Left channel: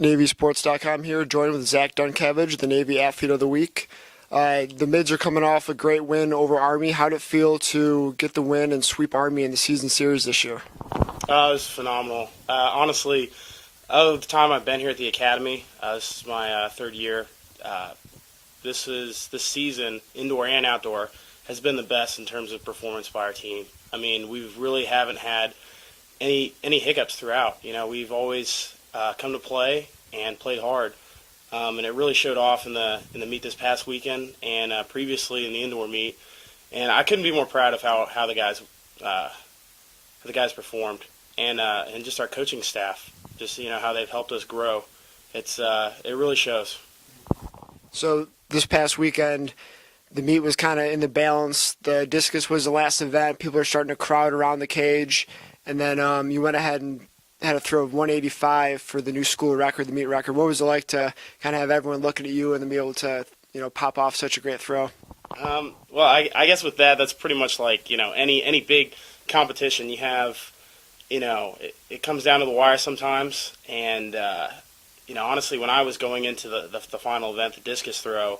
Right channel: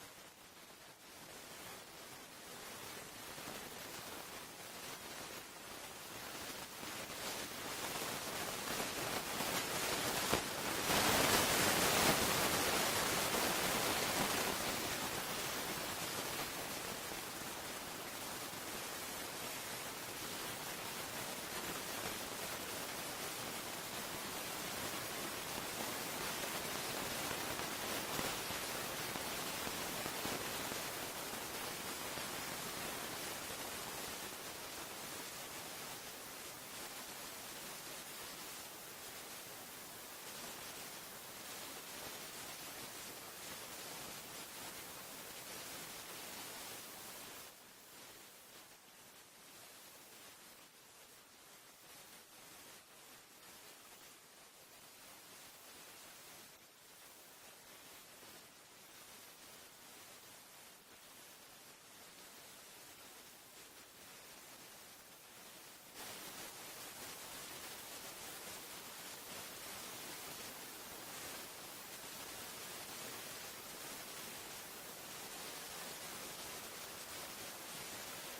NavySports.com here, joined with Zack Duncavage, the Navy Athlete of the Week. The Mids are coming off a great win over Army. How did it feel to get the win and sweep Army in the season series this year? It was phenomenal. Honestly, out of the time I've been here at the Academy, this is my third year. This season, indoor and outdoor, has been the best in terms of performance by our team. I mean, we really haven't had any hiccups throughout. You know, we've always come to play and played hard, and it really showed off in the meet this past weekend and previously in the indoor meet. And I couldn't be more proud of how the guys performed, and just our coaching staff, just how they've helped us grow. It really shows. So this past weekend, the meet was kind of in the balance. The discus was the last event. People are starting to crowd around the cage, and then you went ahead and had a throw of 185 for the new school record, the meet record. What was it like to kind of have everyone looking at you and then be able to pop off such a great throw? Well, I guess with that's pretty much like any big competition you have. It comes down to the wire sometimes, and honestly, when I was going into the final event, the discus throw,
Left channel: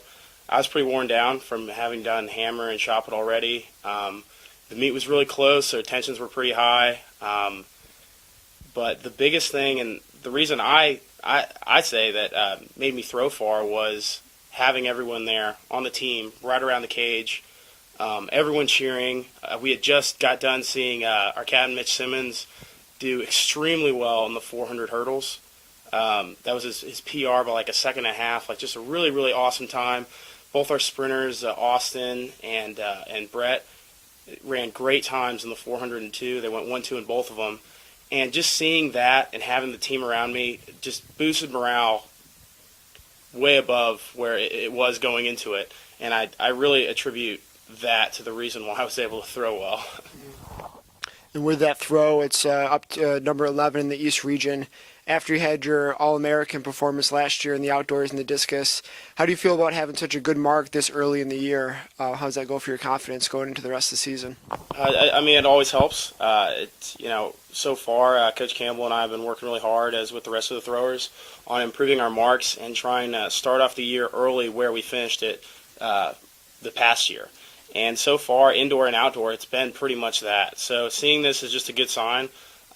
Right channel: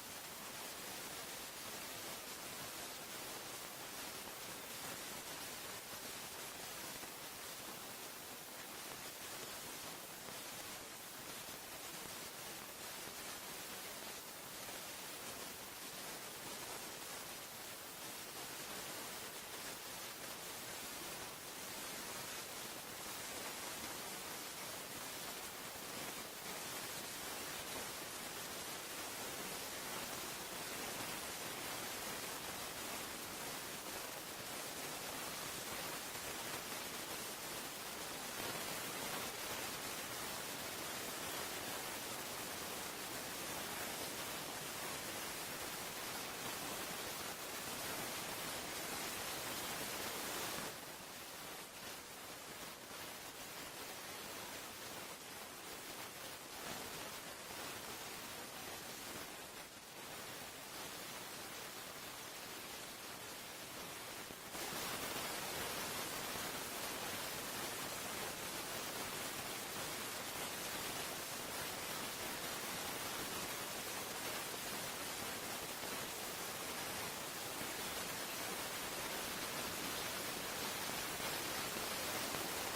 I was pretty worn down from having done hammer and shot put already. The meet was really close, so tensions were pretty high. But the biggest thing, and the reason I say that made me throw far, was having everyone there on the team, right around the cage, everyone cheering. We had just got done seeing our captain, Mitch Simmons, do extremely well in the 400 hurdles. That was his PR by like a second and a half, like just a really, really awesome time. Both our sprinters, Austin and Brett, ran great times in the 402. They went 1-2 in both of them. And just seeing that and having the team around me just boosted morale way above where it was going into it. And I really attribute that to the reason why I was able to throw well. And with that throw, it's up to number 11 in the East region. After you had your All-American performance last year in the outdoors and the discus, how do you feel about having such a good mark this early in the year? How does that go for your confidence going into the rest of the season? I mean, it always helps. So far, Coach Campbell and I have been working really hard, as with the rest of the throwers, on improving our marks and trying to start off the year early where we finished it the past year. And so far, indoor and outdoor, it's been pretty much that. So seeing this is just a good sign.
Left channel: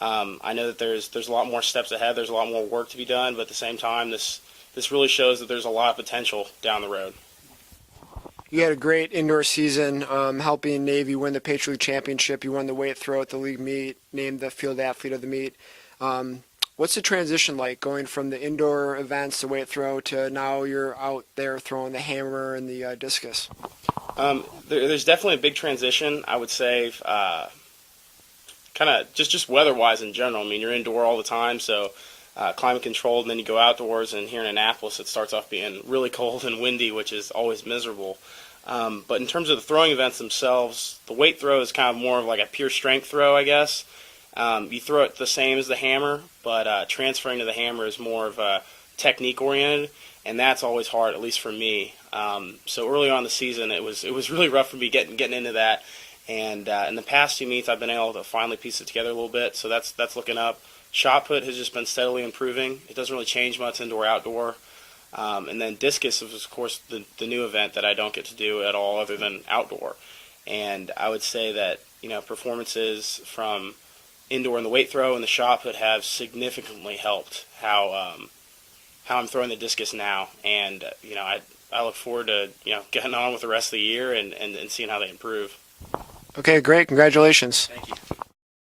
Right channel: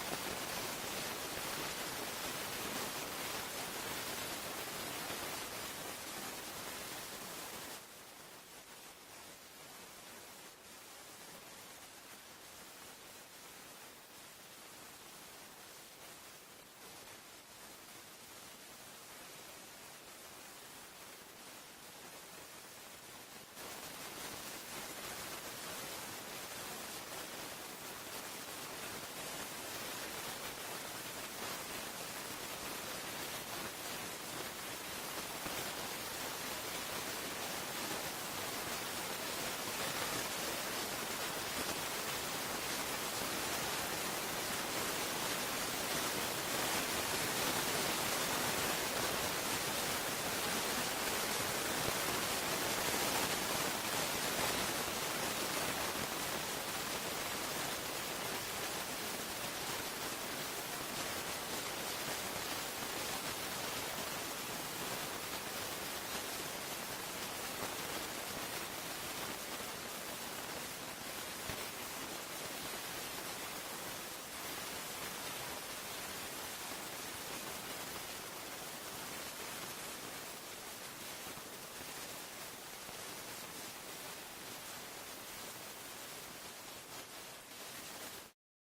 I know that there's a lot more steps ahead. There's a lot more work to be done, but at the same time, this really shows that there's a lot of potential down the road. You had a great indoor season, helping Navy win the Patriot League Championship. You won the weight throw at the league meet, named the field athlete of the meet. What's the transition like going from the indoor events, the weight throw, to now you're out there throwing the hammer and the discus? There's definitely a big transition, I would say. Kind of just weather-wise in general. I mean, you're indoor all the time, so climate controlled, and then you go outdoors, and here in Annapolis it starts off being really cold and windy, which is always miserable. But in terms of the throwing events themselves, the weight throw is kind of more of like a pure strength throw, I guess. You throw it the same as the hammer, but transferring to the hammer is more of a technique-oriented, and that's always hard, at least for me. So early on in the season, it was really rough for me getting into that. And in the past few meets, I've been able to finally piece it together a little bit, so that's looking up. Shot put has just been steadily improving. It doesn't really change much indoor, outdoor. And then discus is, of course, the new event that I don't get to do at all other than outdoor. And I would say that performances from indoor in the weight throw and the shot put have significantly helped how I'm throwing the discus now. And I look forward to getting on with the rest of the year and seeing how they improve. Okay, great. Congratulations. Thank you.